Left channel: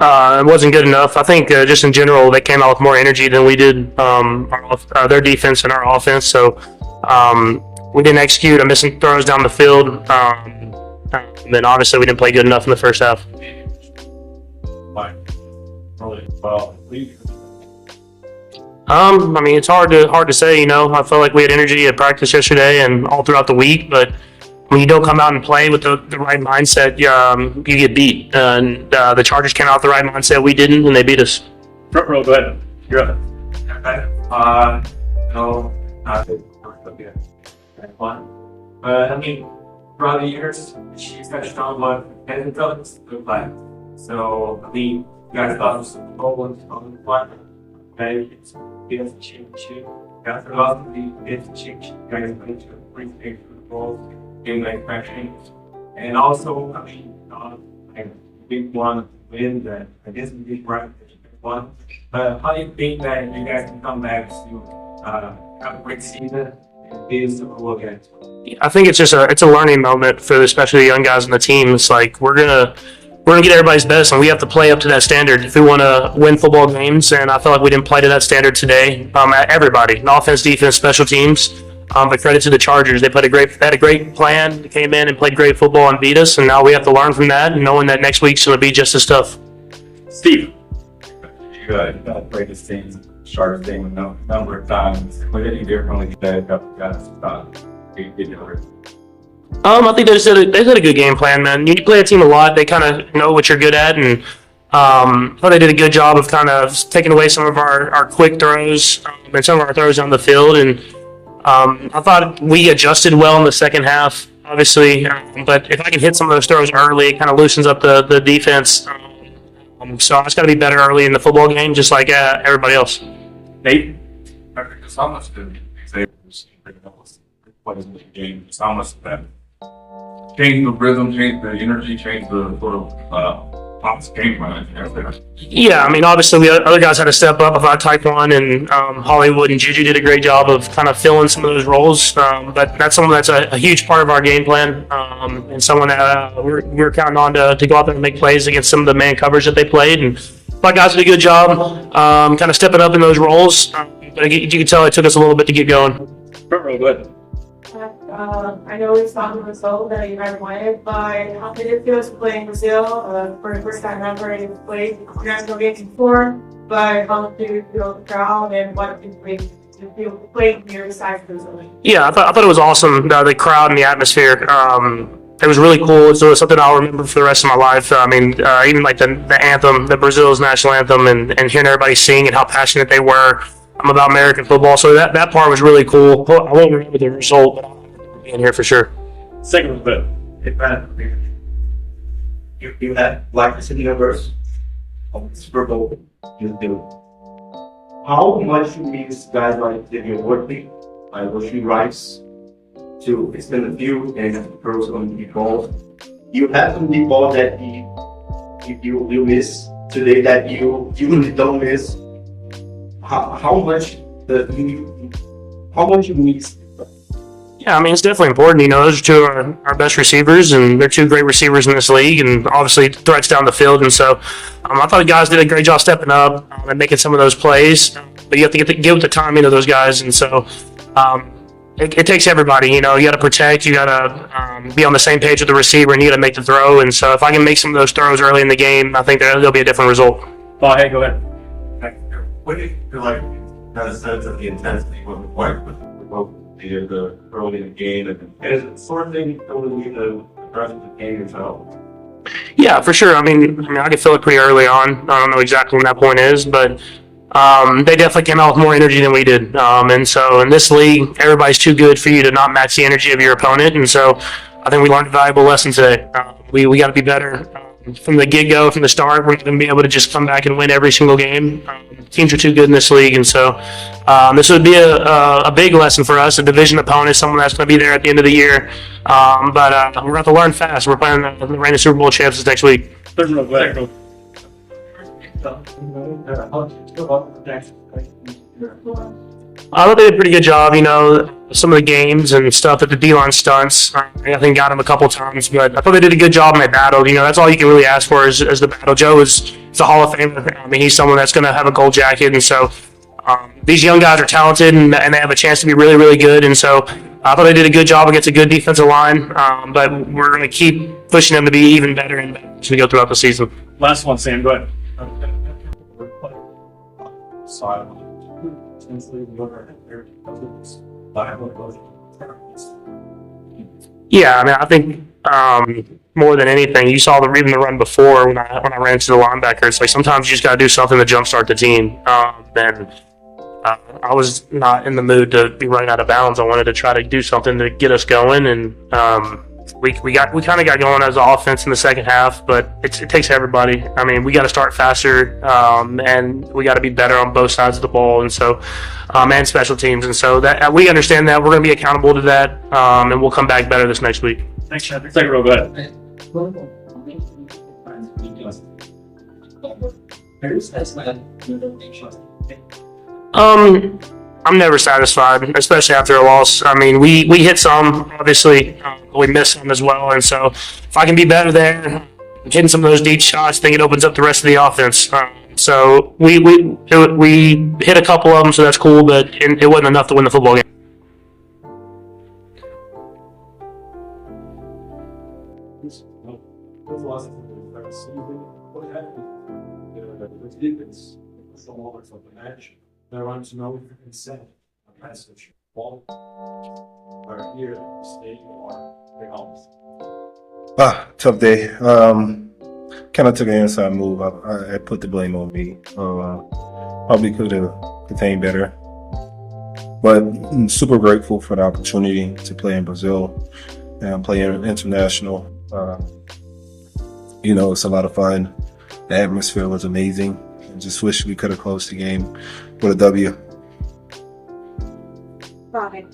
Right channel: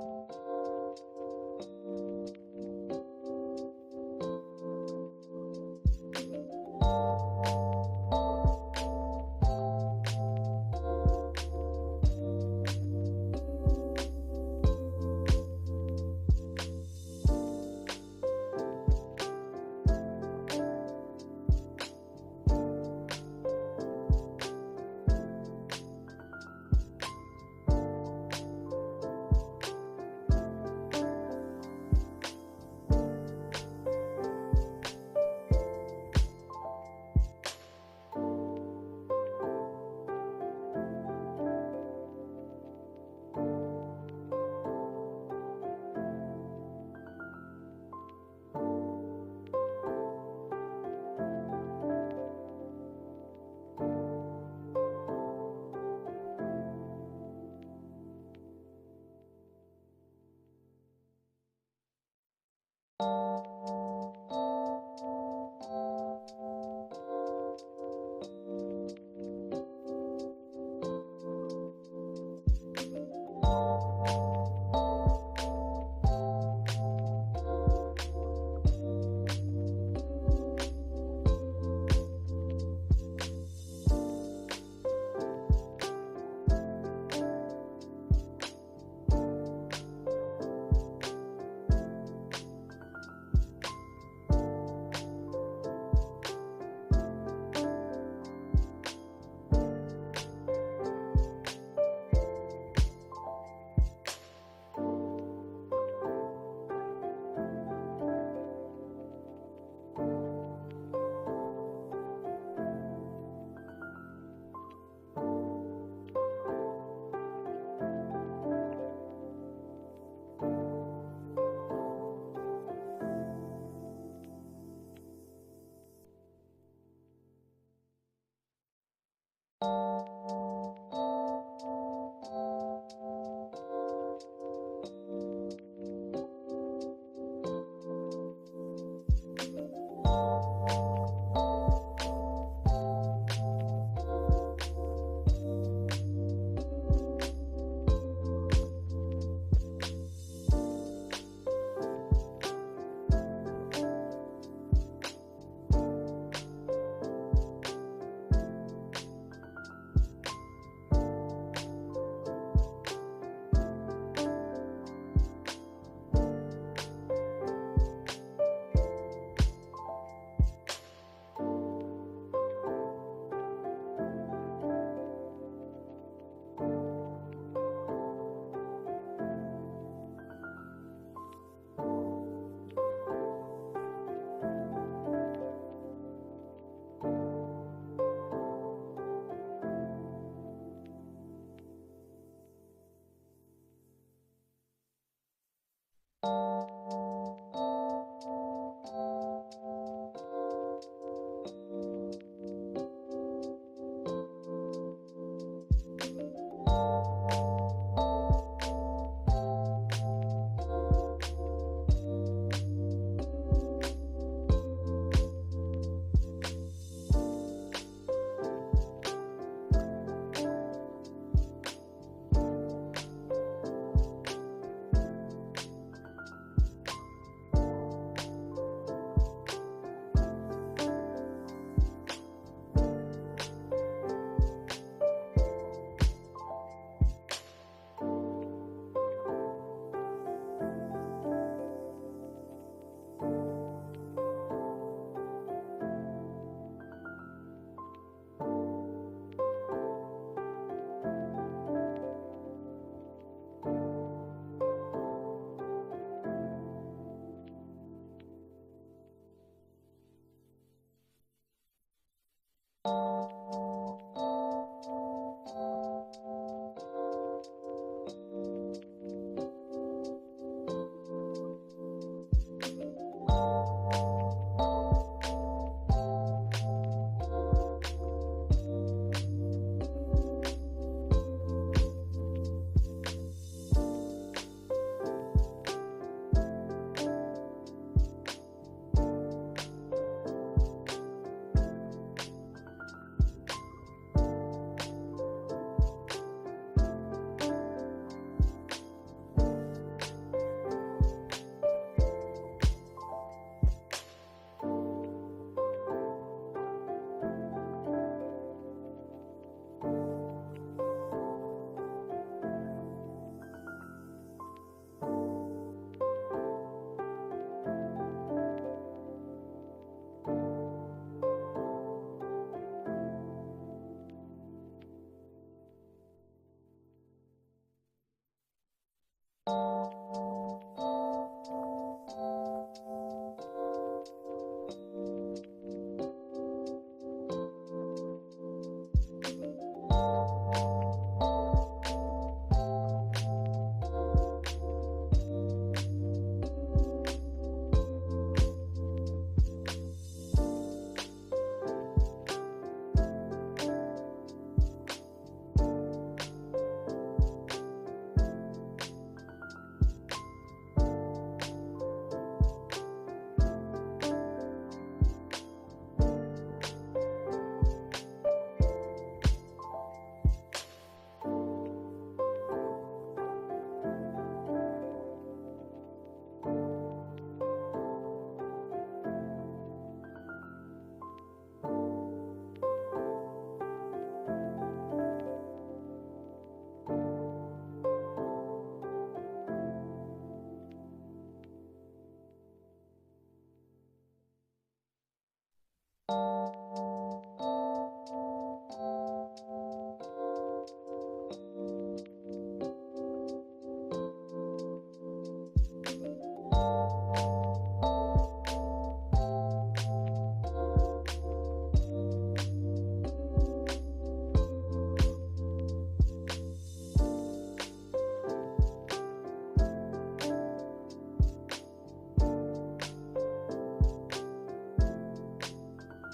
It wasn't good enough. I think just in general, they came out with more energy than we did. Their defense and our offense. So we didn't execute. Missing throws down the field. And then obviously we didn't play good enough in the first half. I mean, it's hard to say. I felt like we had energy at practice yesterday and all throughout the week, but when you don't come out and play with the right mindset, you get beat. And the Chargers came out with the right mindset. We didn't, and they beat us. Front row, go ahead. You're up. Okay. No, not okay. Fun. I mean, throughout the years, she's touched on what Henry Phillips looked like. So, I mean, you guys thought it was a goal on the fly. Okay, it's cheap. You guys are lost the cheap. You guys going to bring things to the ball. In manufacturing, and also, I mean, big one win that I guess we did right one. But how do you think that you guys can come back to have a great season and be Super Bowl again? I think it's a learning moment for especially the young guys on the team. It's like we're gonna get everybody's best, and we have to play up to that standard if we want to win football games. And I felt like we didn't play to that standard today. Everybody, offense, defense, special teams. But credit to the Chargers. They had a great plan. They came in and played great football and beat us. And now we have to learn from that, and knowing that next week's going to be just as tough. Steve. You played the same Chargers game a number of times. What did you differently today? Guys thought you did it. I think they had a good game plan, man. You play a team a lot. They kind of know what you're good at, and I thought they did a good job of kind of taking away some of our quick throws and some of our throws down the field. And I thought we adjusted well in the second half, obviously, but if I can hit some of those throws early, it kind of loosens up the defense. So I just got to be better early in the football game, just like everybody else. Nate? It's almost the game. It's almost that change the rhythm, change the energy, change the sort of game plan. Yeah, I mean, obviously, the other guys had to step up. I thought Taekwon and Hollywood and Juju did a great job of kind of filling some of those roles. But that's someone that's a huge part of our game plan, and someone that we're counting on to go out there and make plays against some of the man coverage that they played. And my guys did a good job kind of stepping up in those roles. But you can tell it took us a little bit to get going. Front row, go ahead. I know we saw the result that you guys wanted, but how did it feel to play in Brazil for the first time ever you played national games before? But how did you feel the crowd and what did you feel playing near the side of Brazil? Yeah, I thought it was awesome. The crowd and the atmosphere. It was really cool. It was something I'll remember for the rest of my life. I mean, even like the anthem, the Brazil's national anthem, and hearing everybody sing and how passionate they were about American football. So that part was really cool. I won't remember the result, but in here for sure. Second bit. You had like the city numbers of the Super Bowl. You do. How much do these guys like did you work with? Like what you rise to extend the view and the pros going to be balls. You have some big ball that you miss today that you usually don't miss. How much you miss? Yeah, I mean, it's definitely important. Those are two of our best receivers, and they're two great receivers in this league, and obviously threats down the field. And so I thought the guys did a great job stepping up and making some of those plays. But you have to get with the timing of those guys. And so it takes everybody. You got to protect. You got to be on the same page with the receiver, and you got to make the throw. And so if I can make some of those throws early in the game, I think there'll be a different result. Oh, hey, go ahead. What do you feel like kind of sense of the intensity was required with the early in the game, and is it sort of thing totally the rest of the game itself? Yeah, for sure. I mean, I could feel it pretty early on. I don't know exactly when that point is, but they definitely came out with more energy than we did. And so in this league, everybody's too good for you to not match the energy of your opponent. And so I think we learned a valuable lesson today. We got to be better from the get-go, from the start. We're not going to be able to just come back and win every single game. Teams are too good in this league, and so this would be a big lesson for us, a division opponent, someone that's going to be there at the end of the year. But we're going to have to learn fast. We're playing the reigning Super Bowl champs next week. Third row, go ahead. I thought they did a pretty good job, some of the games and stuff that the D-line stunts. I think got him a couple times, but I thought they did a good job and they battled. That's all you can really ask for is the battle. Joe is a Hall of Famer. I mean, he's someone that's going to have a gold jacket, and so these young guys are talented and they have a chance to be really, really good. And so I thought they did a good job against a good defensive line, but we're going to keep pushing them to be even better and better as we go throughout the season. Last one, Sam. Go ahead. Yeah, I mean, I think more than anything, you saw even the run before when I ran into the linebackers. Like sometimes you just got to do something to jumpstart the team. I was not in the mood to be running out of bounds. I wanted to try to do something to get us going, and we kind of got going as an offense in the second half. But it takes everybody. I mean, we got to start faster, and we got to be better on both sides of the ball, and so and special teams. And so that we understand that we're going to be accountable to that, and we'll come back better this next week. Thanks, Patrick. Second row, go ahead. I'm never satisfied, especially after a loss. I mean, we hit some, obviously, we missed some as well. And so if I can be better there, hitting some of those deep shots, I think it opens up the rest of the offense. So we hit a couple of them, so that's cool, but it wasn't enough to win the football game. There was no consent, a message, ball, or here, stay or Tough day. Kind of took an inside move. I put the blame on me. Probably could have contained better. But I'm super grateful for the opportunity to play in Brazil and play international. It's a lot of fun. The atmosphere was amazing. Just wish we could have closed the game with a W. Bye.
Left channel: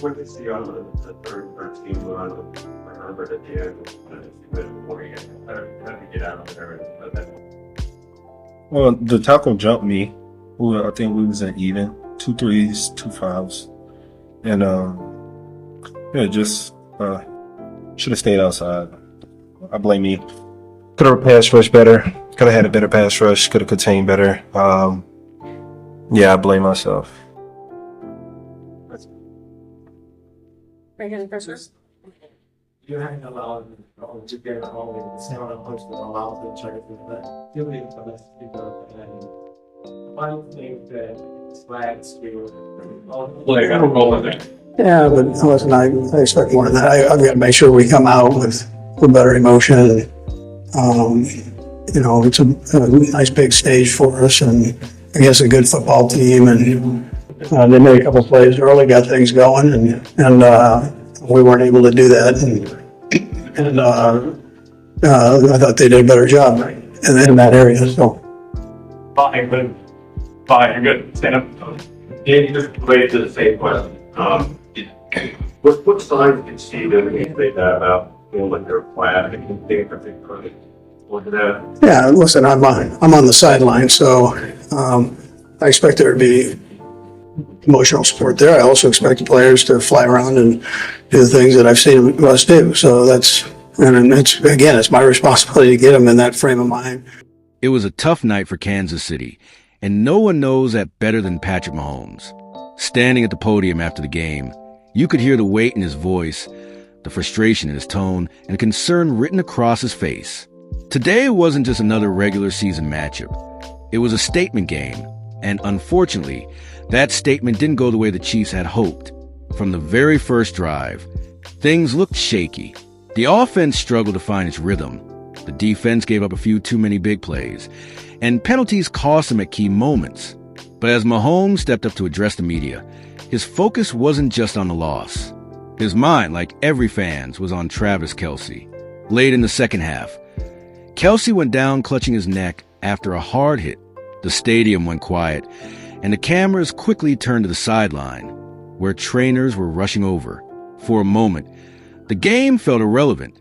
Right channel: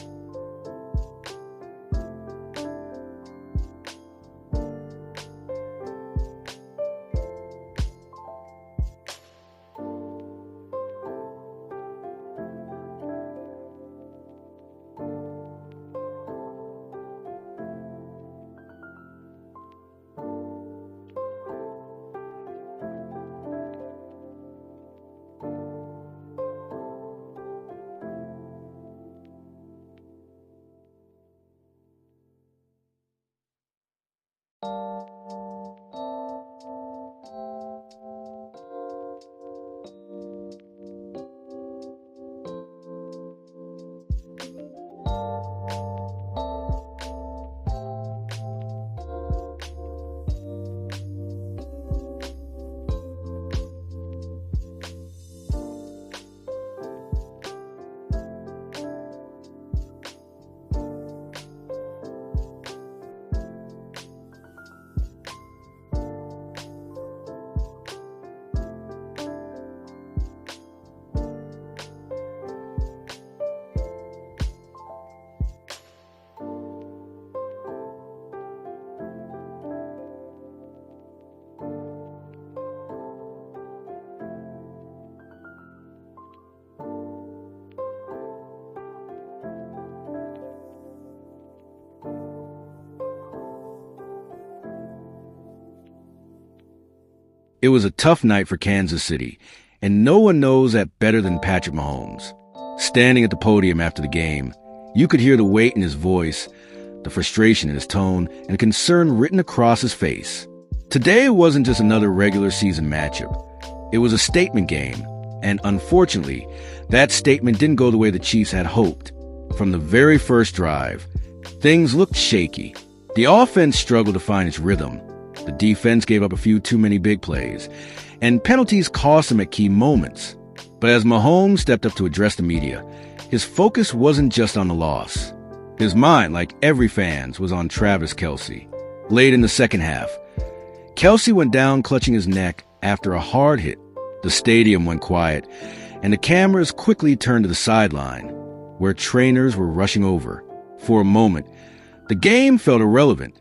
When they see on the third team run, I remember that they had to get out of there. Well, the tackle jumped me. I think we was at even 2 threes, 2 fouls, and just should have stayed outside. I blame me. Could have pass rush better. Could have had a better pass rush. Could have contained better. I blame myself. You hang allowed to get all the sound and push the allows the check that giving for this people. Final thing that flags Like, I don't roll in there. Yeah, but listen, I expect more than that. I've got to make sure we come out with better emotion. It's a nice big stage for us, and I guess a good football team. And they made a couple plays early, got things going, and we weren't able to do that. And I thought they did a better job in that area. So. Fine, you're good. Stand up. And just related to the same question, what signs did you see that when you say that about feeling like they're flat and think that they could? Yeah, listen, I'm on the sideline, so I expect there to be emotional support there. I also expect the players to fly around and do the things that I've seen us do. So it's my responsibility to get them in that frame of mind. It was a tough night for Kansas City, and no one knows that better than Patrick Mahomes. Standing at the podium after the game, you could hear the weight in his voice, the frustration in his tone, and concern written across his face. Today wasn't just another regular season matchup. It was a statement game, and unfortunately, that statement didn't go the way the Chiefs had hoped. From the very first drive, things looked shaky. The offense struggled to find its rhythm. The defense gave up a few too many big plays, and penalties cost them at key moments. But as Mahomes stepped up to address the media, his focus wasn't just on the loss. His mind, like every fan's, was on Travis Kelce. Late in the second half, Kelce went down clutching his neck after a hard hit. The stadium went quiet, and the cameras quickly turned to the sideline, where trainers were rushing over. For a moment, the game felt irrelevant,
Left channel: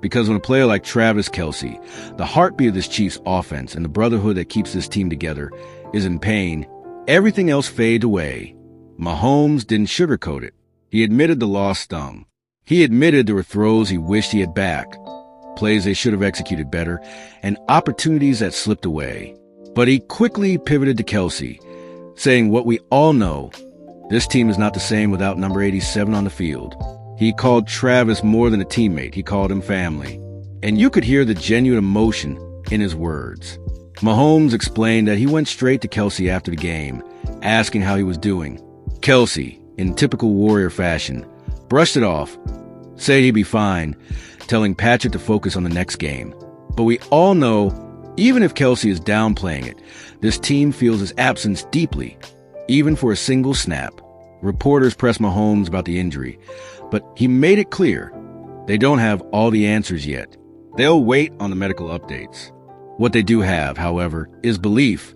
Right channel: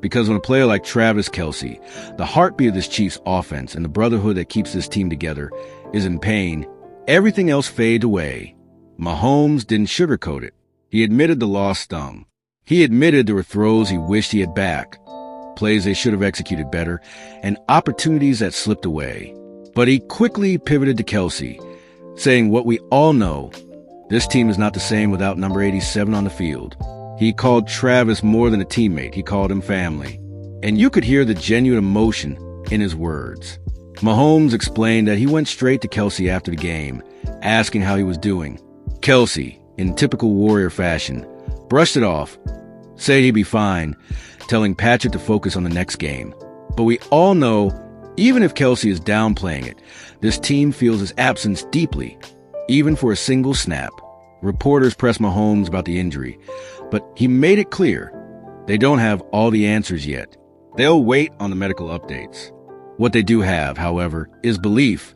because when a player like Travis Kelce, the heartbeat of this Chiefs offense and the brotherhood that keeps this team together, is in pain, everything else faded away. Mahomes didn't sugarcoat it. He admitted the loss stung. He admitted there were throws he wished he had back, plays they should have executed better, and opportunities that slipped away. But he quickly pivoted to Kelce, saying what we all know: this team is not the same without number 87 on the field. He called Travis more than a teammate. He called him family. And you could hear the genuine emotion in his words. Mahomes explained that he went straight to Kelce after the game, asking how he was doing. Kelce, in typical Warrior fashion, brushed it off, said he'd be fine, telling Patrick to focus on the next game. But we all know, even if Kelce is downplaying it, this team feels his absence deeply, even for a single snap. Reporters pressed Mahomes about the injury, but he made it clear they don't have all the answers yet. They'll wait on the medical updates. What they do have, however, is belief.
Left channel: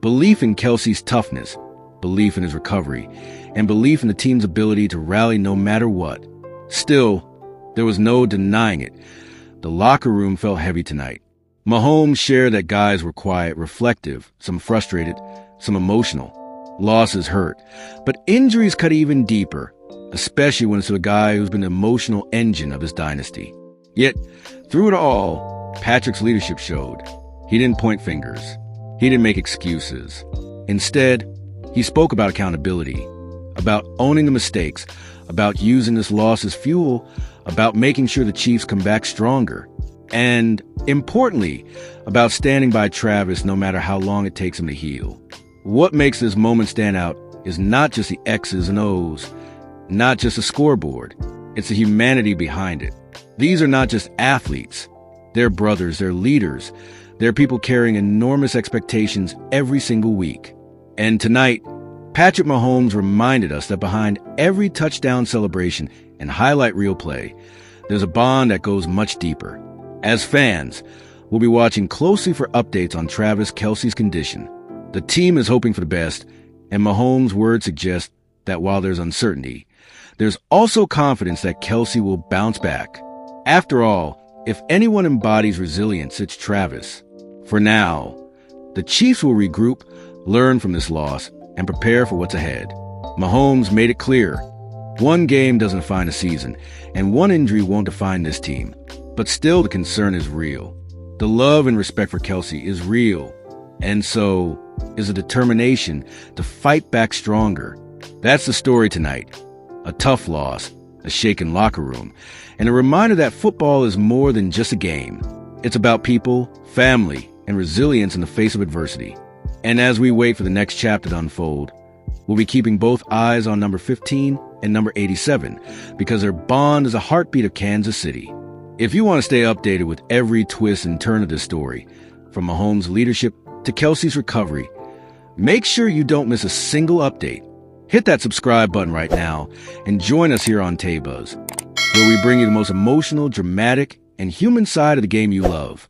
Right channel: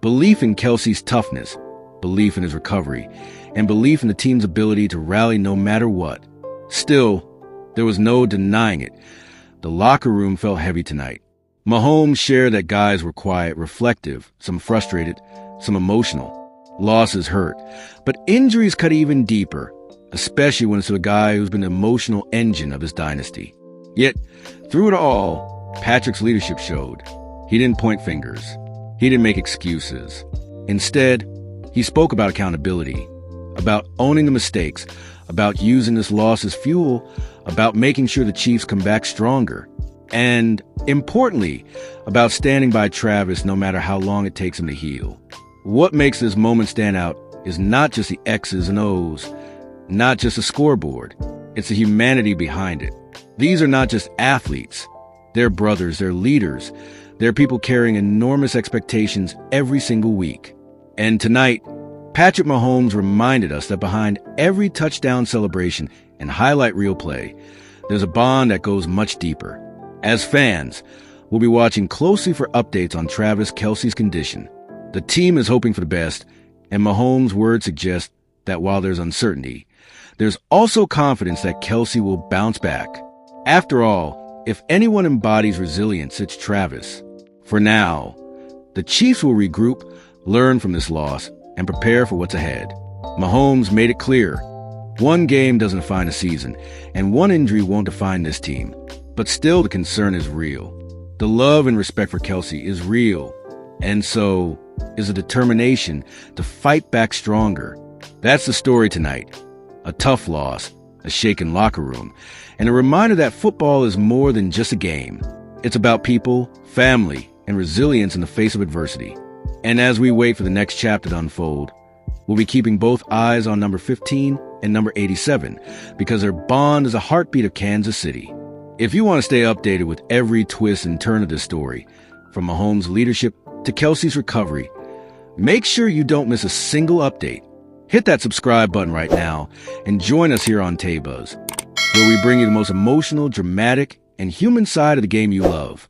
Belief in Kelce's toughness, belief in his recovery, and belief in the team's ability to rally no matter what. Still, there was no denying it. The locker room felt heavy tonight. Mahomes shared that guys were quiet, reflective, some frustrated, some emotional. Losses hurt, but injuries cut even deeper, especially when it's to a guy who's been the emotional engine of his dynasty. Yet, through it all, Patrick's leadership showed. He didn't point fingers. He didn't make excuses. Instead, he spoke about accountability, about owning the mistakes, about using this loss as fuel, about making sure the Chiefs come back stronger, and, importantly, about standing by Travis no matter how long it takes him to heal. What makes this moment stand out is not just the X's and O's, not just a scoreboard. It's the humanity behind it. These are not just athletes. They're brothers, they're leaders. They're people carrying enormous expectations every single week. And tonight, Patrick Mahomes reminded us that behind every touchdown celebration and highlight reel play, there's a bond that goes much deeper. As fans, we'll be watching closely for updates on Travis Kelce's condition. The team is hoping for the best, and Mahomes' words suggest that while there's uncertainty, there's also confidence that Kelce will bounce back. After all, if anyone embodies resilience, it's Travis. For now, the Chiefs will regroup, learn from this loss, and prepare for what's ahead. Mahomes made it clear. One game doesn't define a season, and one injury won't define this team. But still, the concern is real. The love and respect for Kelce is real, and so is a determination to fight back stronger. That's the story tonight. A tough loss, a shaken locker room, and a reminder that football is more than just a game. It's about people, family, and resilience in the face of adversity. And as we wait for the next chapter to unfold, we'll be keeping both eyes on number 15 and number 87, because their bond is a heartbeat of Kansas City. If you want to stay updated with every twist and turn of this story, from Mahomes' leadership to Kelce's recovery, make sure you don't miss a single update. Hit that subscribe button right now and join us here on Taybuzz, where we bring you the most emotional, dramatic, and human side of the game you love.